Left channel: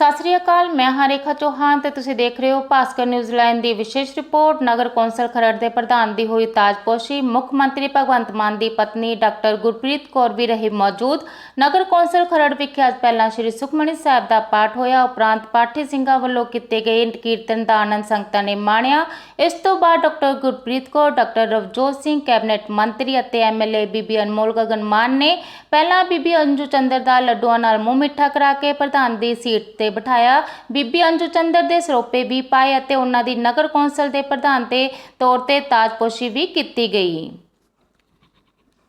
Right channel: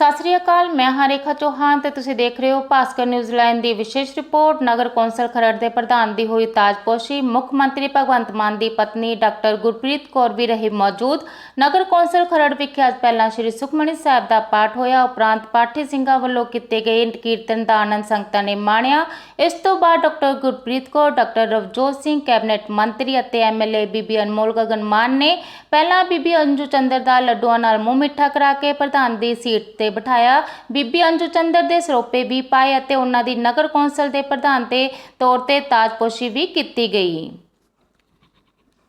ਸਤਿ ਸ੍ਰੀ ਅਕਾਲ, ਮੈਂ ਹਾਂ ਰੇਖਾ ਚੌਹਾਨ ਤੇ ਤੁਸੀਂ ਦੇਖ ਰਹੇ ਹੋ ਭਾਸਕਰ ਨਿਊਜ਼ੀਲੈਂਡ ਦੀ ਵਿਸ਼ੇਸ਼ ਰਿਪੋਰਟ। ਨਗਰ ਕੌਂਸਲ ਖਰੜ ਦੇ ਪ੍ਰਧਾਨ ਦੀ ਹੋਈ ਤਾਜਪੋਸ਼ੀ ਮੁੱਖ ਮੰਤਰੀ ਭਗਵੰਤ ਮਾਨ ਦੀ ਪਤਨੀ ਡਾਕਟਰ ਗੁਰਪ੍ਰੀਤ ਕੌਰ ਵੀ ਰਹੇ ਮੌਜੂਦ। ਨਗਰ ਕੌਂਸਲ ਖਰੜ ਵਿਖੇ ਅੱਜ ਪਹਿਲਾਂ ਸ੍ਰੀ ਸੁਖਮਣੀ ਸਾਹਿਬ ਦਾ ਪਾਠ ਹੋਇਆ। ਉਪਰੰਤ ਪਾਠੀ ਸਿੰਘਾਂ ਵੱਲੋਂ ਕੀਤੇ ਗਏ ਕੀਰਤਨ ਦਾ ਆਨੰਦ ਸੰਗਤਾਂ ਨੇ ਮਾਣਿਆ। ਇਸ ਤੋਂ ਬਾਅਦ doctor Gurpreet Kaur, doctor Ravjot Singh, cabinet ਮੰਤਰੀ ਅਤੇ ਐਮਐਲਏ ਬੀਬੀ ਅਨਮੋਲ ਗਗਨ ਮਾਨ ਨੇ ਪਹਿਲਾਂ ਬੀਬੀ ਅੰਜੂ ਚੰਦਰ ਦਾ ਲੱਡੂਆਂ ਨਾਲ ਮੂੰਹ ਮਿੱਠਾ ਕਰਾ ਕੇ ਪ੍ਰਧਾਨ ਦੀ ਸੀਟ ਤੇ ਬਿਠਾਇਆ। ਬੀਬੀ ਅੰਜੂ ਚੰਦਰ ਦੇ ਸਰੋਪੇ ਵੀ ਪਾਏ ਅਤੇ ਉਹਨਾਂ ਦੀ ਨਗਰ ਕੌਂਸਲ ਦੇ ਪ੍ਰਧਾਨ ਦੇ ਤੌਰ ਤੇ ਤਾਜਪੋਸ਼ੀ ਵੀ ਕੀਤੀ ਗਈ।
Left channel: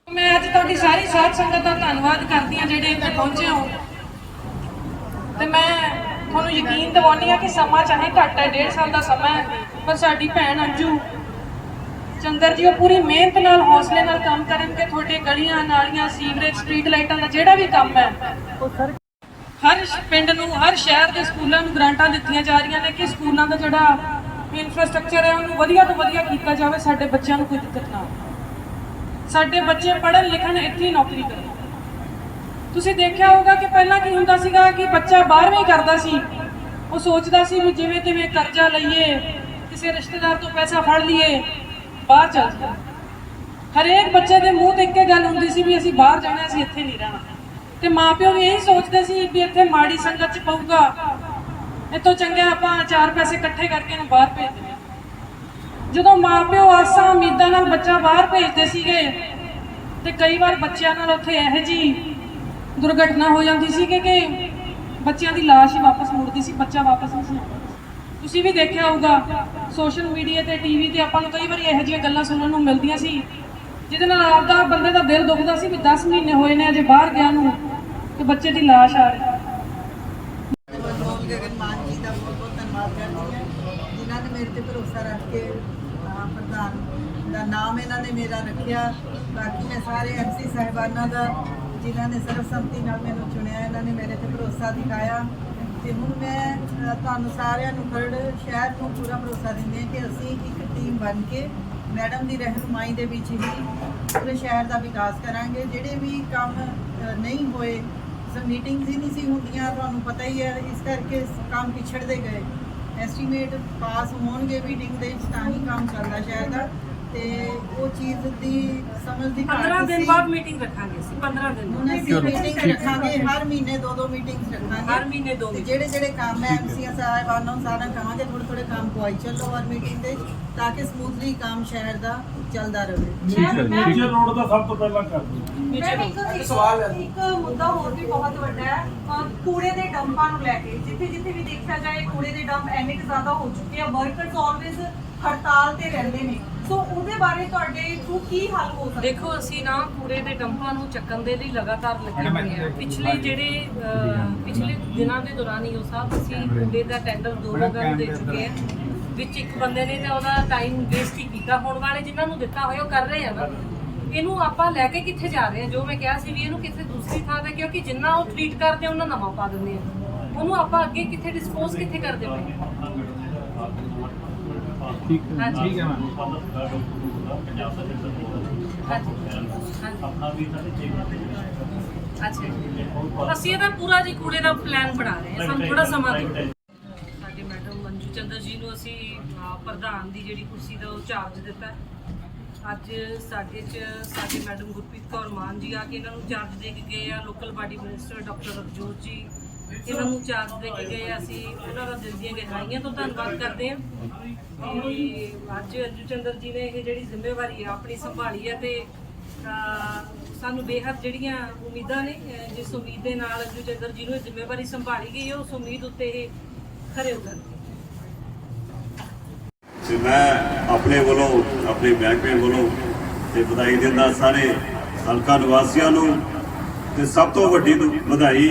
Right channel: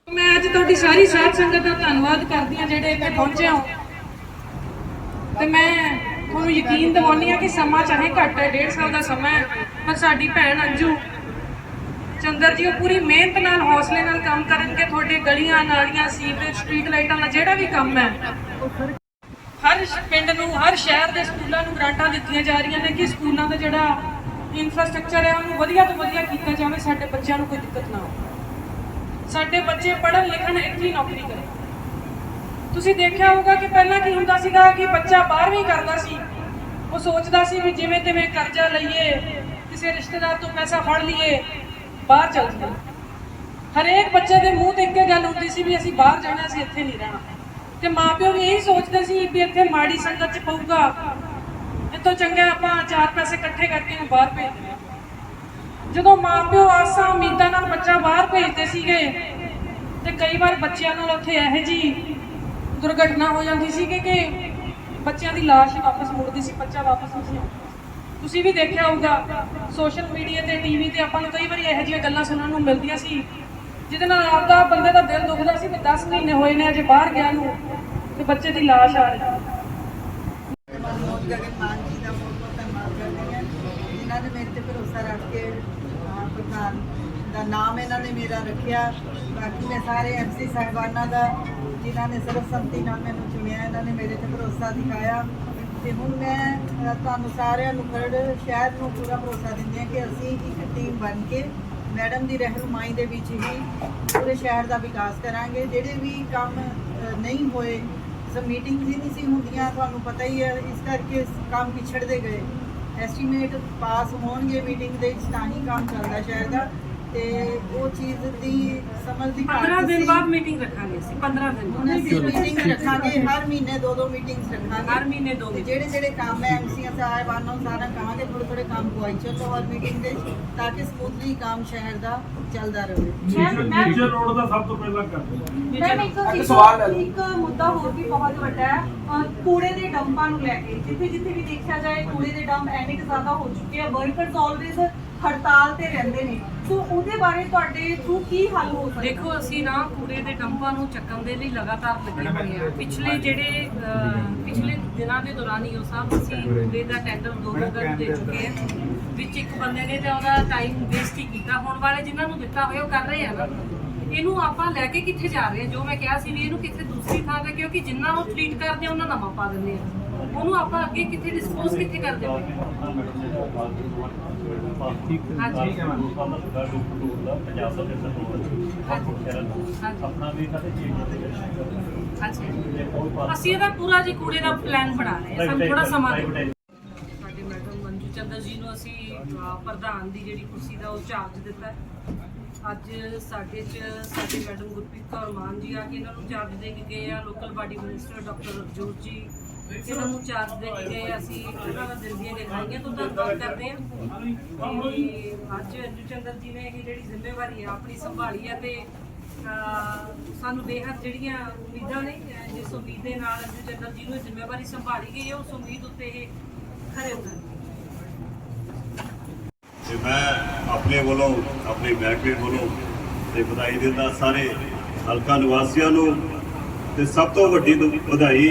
ਮੈਂ ਅੱਜ ਤੁਹਾਡੀ ਸਾਰੀ ਸਾਧ ਸੰਗਤ ਦਾ ਧੰਨਵਾਦ ਕਰਦੀ ਹਾਂ ਜਿਹੜੇ ਇੱਥੇ ਪਹੁੰਚੇ ਹੋ। ਤੇ ਮੈਂ ਤੁਹਾਨੂੰ ਯਕੀਨ ਦਿਵਾਉਂਦੀ ਹਾਂ ਕਿ ਸਮਾਂ ਚਾਹੇ ਘੱਟ ਹੈ, ਡੇਢ ਸਾਲ ਦਾ ਸਮਾਂ ਹੈ, ਪਰ ਸਾਡੀ ਭੈਣ ਅੰਜੂ ਚੰਦਰ ਜੀ ਉਹ ਪੂਰੀ ਮਿਹਨਤ ਨਾਲ, ਹੌਸਲੇ ਨਾਲ ਕੰਮ ਕਰਨਗੇ। ਤੁਹਾਡੇ ਗਲੀਆਂ, ਨਾਲੀਆਂ, ਸੀਵਰੇਜ, ਸਟਰੀਟ ਲਾਈਟਾਂ ਦਾ ਜਿਹੜਾ ਵੀ ਕੰਮ ਹੈ ਹਰ ਸ਼- ਪਿੰਡ ਨੂੰ, ਹਰ ਸ਼ਹਿਰ ਦੇ ਸਕੂਲਾਂ ਨੂੰ ਗ੍ਰਾਂਟਾਂ ਦਿੱਤੀਆਂ ਜਾ ਰਹੀਆਂ ਨੇ ਕਿ ਸਕੂਲਾਂ ਦਾ ਜਿਹੜਾ ਇਨਫਰਾਸਟ੍ਰਕਚਰ ਹੈ, ਉਹਨੂੰ ਵਧੀਆ ਤੋਂ ਵਧੀਆ ਕੀਤਾ ਜਾਵੇ, ਸਾਡੇ ਬੱਚਿਆਂ ਨੂੰ ਕੋਈ ਦਿੱਕਤ ਨਾ ਹੋਵੇ। ਸਾਡੇ ਬੱਚੇ ਪੜ੍ਹਨ, ਲਿਖਣ, ਇੱਥੇ ਹੀ ਨੌਕਰੀ ਕਰਨ। ਤੁਸੀਂ ਦੇਖਿਆ ਹੋਊਗਾ ਕਿ ਪਹਿਲਾਂ ਕੀ ਹੁੰਦਾ ਸੀਗਾ ਕਿ ਬੱਚਾ 12ਵੀਂ ਕਰਦਾ ਸੀ। ਉਹ ਸੋਚਦਾ ਸੀ ਵੀ ਜਿਵੇਂ ਜਿਵੇਂ ਕਰਜ਼ਾ ਲਈਏ, ਕਿਸੇ ਰਿਸ਼ਤੇਦਾਰ ਤੋਂ ਪੈਸਾ ਫੜ ਲਈਏ, ਬਾਹਰ ਚੱਲ ਜਾਈਏ। ਹਰੇਕ ਬੱਚੇ ਦੇ ਮੂੰਹ ਤੇ ਇੱਕੇ ਗੱਲ ਹੁੰਦੀ ਸੀ ਵੀ ਅਸੀਂ ਬਾਹਰ ਜਾਣਾ, ਅਸੀਂ ਇੱਥੇ ਨਹੀਂ ਰਹਿਣਾ। ਤੇ ਮਾਪਿਓ ਵੀ ਇਹੀ ਸੋਚਦੇ ਸੀ ਵੀ ਇੱਥੇ ਮਾੜੀ ਸੰਗਤ ਚ ਪਊਗਾ। ਇਹ ਤੋਂ ਚੰਗਾ ਆਪਾਂ ਚਾਰ ਪੈਸੇ ਇਕੱਠੇ ਕਰਕੇ ਇਹਨੂੰ ਬਾਹਰ ਭੇਜ ਦਿੰਦੇ ਜਦੋਂ ਮਾਪਿਓ ਆਸਾਂ ਉਮੀਦਾਂ ਨਾਲ ਬੱਚਾ ਬਾਹਰ ਭੇਜਦੇ ਸੀਗੇ ਤੇ ਕਈ ਵਾਰ ਬੱਚਿਆਂ ਨਾਲ ਉੱਥੇ ਇਹੋ ਜੀ ਦੁਰਘਟਨਾ ਹੋ ਜਾਂਦੀ ਸੀ ਕਿ ਕਿ ਬੱਚਿਆਂ ਦੀ ਲਾਸ਼ ਵਾਪਸ ਮੁੜਦੀ ਸੀ ਬੱਚਾ ਵਾਪਸ ਨਹੀਂ ਸੀ। ਤੁਸੀਂ ਵੀ ਦੇਖਿਆ ਹੋਊਗਾ, ਸੋਸ਼ਲ ਮੀਡੀਆ ਤੇ, ਟੀਵੀ ਤੇ ਆਪਾਂ ਨੂੰ ਕਈ ਵਾਰੀ ਇਹੋ ਜਿਹੀਆਂ ਗੱਲਾਂ ਸੁਣਨ ਨੂੰ ਮਿਲਦੀਆਂ ਸੀ। ਜਿਹਦੇ ਨਾਲ ਆਪਦਾ ਬੰਦੇ ਦਾ ਦਿਲ ਦੁਖਦਾ ਸੀ ਕਿ 10 ਮਹੀਨੇ ਹੋਏ ਨੇ, ਅਜੇ ਬਾਹਰ ਗਿਆ ਨੂੰ, ਤੇ ਬੱਚੇ ਦੀ ਲਾਸ਼ ਆ ਰਹੀ। ਮਨਮੋਹਨ ਗਗਨ ਮਾਨ ਜੀ ਦਾ ਬਹੁਤ ਬਹੁਤ ਧੰਨਵਾਦ ਕਰਦੀ ਹਾਂ ਜਿਨ੍ਹਾਂ ਨੇ ਮੇਰੇ ਤੇ ਭਰੋਸਾ ਰੱਖ ਕੇ ਪ੍ਰਧਾਨ ਦਾ ਨਾਮ ਇਹਨਾਂ ਨੇ ਮੇਰਾ ਰੱਖਿਆ ਬਾਕੀ ਮੈਂ ਸਾਰੇ ਐਮਸੀ ਸਾਹਿਬਾਨਾਂ ਦਾ ਜਿਨ੍ਹਾਂ ਨੇ ਸਰਬਸੰਮਤੀ ਨਾਲ ਮੈਨੂੰ ਚੁਣਿਆ ਇਹਨਾਂ ਨੇ ਮੇਰੇ ਤੇ ਭਰੋਸਾ ਦਿਖਾਇਆ ਤੇ ਹੁਣ ਮੈਂ ਤੁਹਾਨੂੰ ਸਾਰਿਆਂ ਨੂੰ ਖਰੜ ਸ਼ਹਿਰ ਨੂੰ ਪੂਰਾ ਭਰੋਸਾ ਦਿੰਦੀ ਹਾਂ ਕਿ ਅਸੀਂ ਇੱਕ ਟੀਮ ਬਣ ਕੇ ਮੈਡਮ ਦੀ ਰਹਿਨੁਮਾਈ ਦੇ ਵਿੱਚ ਹੀ ਪੂਰੇ ਸ਼ਹਿਰ ਦਾ ਵਿਕਾਸ ਕਰਾਂਗੇ। ਜਿਹੜੇ ਵੀ ਕੰਮ ਨਹੀਂ ਹੋਏ ਸਭ ਮੀਟਿੰਗਸ ਹੀ ਨਹੀਂ ਸੀ ਹੁੰਦੀਆਂ, ਤੁਹਾਨੂੰ ਪਤਾ ਹੀ ਹੈ, ਇਸ ਕਰਕੇ ਕੰਮ ਪਿਛੜਦੇ ਗਏ। ਐਸਟੀਮੇਟ ਪਾਸ ਹੋਣਗੇ ਮੀਟਿੰਗ ਦੇ ਵਿੱਚ, ਤਾਂ ਹੀ ਕੰਮ ਚੱਲਦਾ ਸ਼ਹਿਰ ਦਾ। ਤੇ ਉਹ ਚੀਜ਼ ਦੀ ਸਮਝ ਦੀ ਘਾਟ 15 ਦਿਨ ਸੀ। ਬਾਅਦ ਮੀਟਿੰਗ ਰੱਖਾਂਗੇ ਅਸੀਂ 15 ਦਿਨ ਹੁਣ ਬਾਅਦ ਅਸੀਂ ਮੀਟਿੰਗ ਰੱਖਾਂਗੇ ਹਰ ਮਹੀਨੇ ਦੋ ਦੋ ਮੀਟਿੰਗਸ ਰੱਖਾਂਗੇ। ਹਰ ਮਹੀਨੇ ਦੋ ਤੇ ਜਿਹੜੇ ਜਿਹੜੇ ਕੰਮ ਹੈ ਐਮਸੀਆਂ ਸਾਹਿਬਾਨਾਂ ਨੂੰ ਸਾਰਾ ਕਹਾਂਗੇ ਥੋੜੇ ਥੋੜੇ ਕੰਮ ਪੁਆਈ ਚੱਲੋ ਹਰ ਮੀਟਿੰਗ ਦੇ ਤਾਂ ਕਿ ਸਮੂਥਲੀ ਕੰਮ ਸ਼ਹਿਰ ਦਾ ਚੱਲਦਾ ਰਹੇ। ਮੇਜਰ ਰੋਡ ਦਾ ਸਭ ਤੋਂ ਪਹਿਲਾਂ ਕਰ ਦਿਓ। ਮੈਮ ਇੱਕ ਇੱਕ ਇੱਕ ਮੁੱਦਾ ਹੋਰ ਵੀ ਬਹੁਤ ਵੱਡਾ ਹੈ। ਅਹ ਕੂੜੇ ਦੇ ਡੰਪਾਂ ਨੂੰ ਲੈ ਕੇ ਜਿੱਥੇ ਜਿੱਥੇ ਵੀ ਦੇਖਿਆ ਜਾਏ ਕੂੜੇ ਦੇ ਡੰਪ ਐਨੇ ਕੁ ਜ਼ਿਆਦਾ ਹੋ ਚੁੱਕੇ ਆ ਵਰਕਰਸ ਆਲਵੇਜ਼ ਹੜਤਾਲ ਤੇ ਰਹਿੰਦੇ ਨੇ। ਸੋ ਉਹਦੇ ਬਾਰੇ ਤੁਹਾਡੇ ਥਰੂ ਕੀ ਹੱਲ ਹੋ ਸਕਦਾ? ਦੇਖੋ ਅਸੀਂ ਨਾ ਕੂੜੇ ਦੇ ਡੰਪਾਂ ਨੂੰ ਚੱਕਣ ਦੇ ਲਈ ਲਗਾਤਾਰ ਲੱਗੇ ਹੋਏ ਆ। ਪਿਛਲੇ ਜਿਹੜੇ ਅਹ, ਪਿਛਲੇ ਦਿਨਾਂ ਦੇ ਦੌਰਾਨ ਹੀ ਉਹ ਸਾਹਿਬ ਅਸੀਂ ਕੂੜੇ ਦਾ ਟੈਂਡਰ ਦੋ ਨੂੰ ਦੇ ਚੁੱਕੇ ਆ। ਵਿੱਚ ਇੱਕ ਬੰਦੇ ਨੇ ਤਾਂ ਉਹਦਾ ਟਾਈਮ ਵੇਸਟ ਹੀ ਕੀਤਾ। ਹੁਣ ਵਾਲੇ ਜਿਨ੍ਹਾਂ ਨੂੰ ਦਿੱਤਾ ਹੋਇਆ ਉਹ ਕਰ ਰਹੇ ਆ ਨਾ। ਇਹਨੂੰ ਆਪਾਂ ਲੈ ਕੇ ਕਿੱਥੇ ਜਾ ਰਹੇ ਆ? ਜੋ ਮੈਂ ਕਿਹਾ ਸੀ ਵੀ ਇਹਨੂੰ ਕਿੱਥੇ ਦੂਸਰੀ ਥਾਂ ਤੇ ਕਿਉਂਕਿ ਜਿੰਨਾ ਉਹ ਟ੍ਰੀਟ ਕਰਦੇ ਆ ਉਹਨਾਂ ਨਵਾਂ ਪਾ ਦਿੰਦੇ ਆ। ਉਹਨੂੰ ਆਪਾਂ ਅੱਗੇ ਕਿੱਥੇ ਡਿਸਪੋਜ਼ ਕਿੱਥੇ ਕਰਦੇ ਪਏ? ਆ? ਹਾਂਜੀ। ਠੀਕ ਹੈ ਮੈਮ ਹਾਂਜੀ। ਹਾਂਜੀ। ਆਪਣਾ ਵੀ ਇਹਨਾਂ ਦੇ ਚੇਂਜ ਅੱਛਾ ਜੀ। ਅਸੀਂ ਇਹਦਾ ਪੂਰਾ ਜੀ ਕੂੜੇ ਦਾ ਪਲਾਨ ਬਣਾ ਰਹੇ ਹਾਂ। ਸਾਨੂੰ ਥੋੜਾ ਸਮਾਂ ਦਿਓ। ਸਾਡੇ ਮੈਡਮ ਮੰਜੂ ਚੰਦਰ ਜੀ ਨੂੰ ਅਸੀਂ ਪ੍ਰਧਾਨ ਦੀ ਜਿਹੜੀ ਕੁਰਸੀ ਦਾ ਉਹ ਚਾਰਜ ਦਿੱਤਾ। ਅੱਜ ਸਾਡੇ ਚ ਸਾਡੇ ਮੈਡਮ ਗੁਰਪ੍ਰੀਤ ਕੌਰ ਮਾਨ ਜੀ ਆ ਕੇ ਇਹਨਾਂ ਨੂੰ ਚਾਰਜ ਦੇ ਕੇ ਗਏ ਆ। Local body minister doctor Ravjot ji ਇਹਨਾਂ ਨੂੰ ਚਾਰਜ ਦੇ ਕੇ ਗਏ ਅਸੀਂ ਉਹਨਾਂ ਦਾ ਦਿਲ ਦੀਆਂ ਗਹਿਰਾਈਆਂ ਤੋਂ ਧੰਨਵਾਦ ਕਰਦੇ ਹਾਂ। ਕਿ ਅੱਜ ਅੰਜੂ ਚੰਦਰ ਜੀ ਨੇ ਇਹ ਜਿਹੜੀ ਜ਼ਿੰਮੇਵਾਰੀ ਆ, ਆਪਣੀ ਸੰਭਾਲੀ ਹੈ ਤੇ ਸਾਨੂੰ ਬੇਹੱਦ ਜਿਹੜੀਆਂ ਉਮੀਦਾਂ ਨੇ ਜਿਸ ਉਮੀਦ ਦੇ ਨਾਲ ਅੰਜੂ ਚੰਦਰ ਜੀ ਨੂੰ ਇਹ ਜ਼ਿੰਮੇਵਾਰੀ ਸੰਭਾਲੀ ਗਈ ਹੈ ਉਸ ਉਮੀਦ ਉੱਤੇ ਇਹ ਖਰੇ ਉਤਰਨਗੇ। ਤੇ ਮੈਂ ਆਪਣੇ ਵੱਲੋਂ, ਆਪਣੇ ਮਹਿਕਮੇ ਵੱਲੋਂ ਤੇ ਵਧਾਈ ਦਿੰਦਾ ਸਾਰੇ ਹਲਕਾ ਨਿਵਾਸੀਆਂ ਨੂੰ ਤੇ ਸਭ ਤੋਂ ਵੱਡੀ ਵਧਾਈ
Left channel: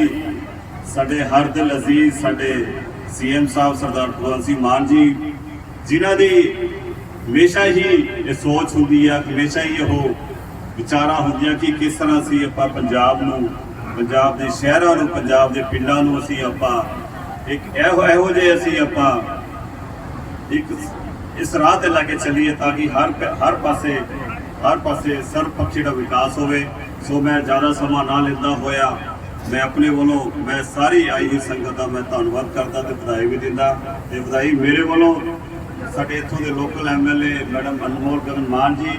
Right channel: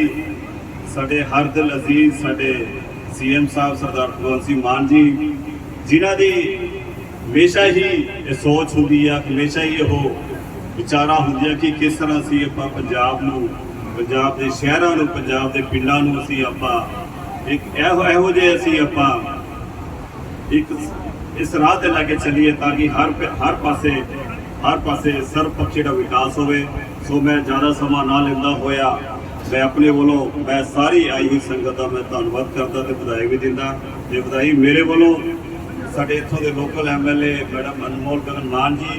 ਸਾਡੇ ਹਰ ਦਿਲ ਅਜ਼ੀਜ਼ ਸਾਡੇ ਸੀਐਮ ਸਾਹਿਬ ਸਰਦਾਰ ਭਗਵੰਤ ਸਿੰਘ ਮਾਨ ਜੀ, ਜਿਨ੍ਹਾਂ ਦੀ ਹਮੇਸ਼ਾ ਹੀ ਇਹ ਸੋਚ ਹੁੰਦੀ ਆ, ਹਮੇਸ਼ਾ ਹੀ ਉਹ ਵਿਚਾਰਾਂ ਹੁੰਦੀਆਂ ਕਿ ਕਿਸ ਤਰ੍ਹਾਂ ਅਸੀਂ ਆਪਾਂ ਪੰਜਾਬ ਨੂੰ, ਪੰਜਾਬ ਦੇ ਸ਼ਹਿਰਾਂ ਨੂੰ, ਪੰਜਾਬ ਦੇ ਪਿੰਡਾਂ ਨੂੰ ਅਸੀਂ ਆਪਾਂ ਇੱਕ ਇਹੋ ਇਹੋ ਜਿਹੇ ਅਸੀਂ ਆਪਾਂ ਇੱਕ ਇਸ ਰਾਹ ਤੇ ਲੈ ਕੇ ਚੱਲੀਏ ਤਾਂ ਕਿ ਹਰ ਹਰ ਪਾਸੇ ਹਰ ਪਾਸੇ ਸਰਬਪੱਖੀ ਦਾ ਵਿਕਾਸ ਹੋਵੇ। ਸੋ ਮੈਂ ਜ਼ਿਆਦਾ ਸਮਾਂ ਨਾ ਲੈਂਦਾ ਹੋਇਆ ਮੈਂ ਆਪਣੇ ਵੱਲੋਂ, ਮੈਂ ਸਾਰੀ ਆਈ ਹੋਈ ਸੰਗਤ ਦਾ ਮੈਂ ਧੰਨਵਾਦ ਕਰਦਾ ਤੇ ਵਧਾਈ ਵੀ ਦਿੰਦਾ। ਤੇ ਵਧਾਈ ਮੇਰੇ ਵੱਲੋਂ, ਸਾਡੇ ਇੱਥੋਂ ਦੇ local MLA madam Anmol Gagan Mann ji,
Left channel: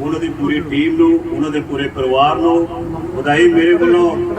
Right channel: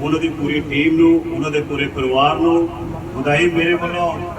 ਉਹਨਾਂ ਦੀ ਪੂਰੀ ਟੀਮ ਨੂੰ, ਉਹਨਾਂ ਦੇ ਪੂਰੇ ਪਰਿਵਾਰ ਨੂੰ ਵਧਾਈ ਮੇਰੇ ਵੱਲੋਂ।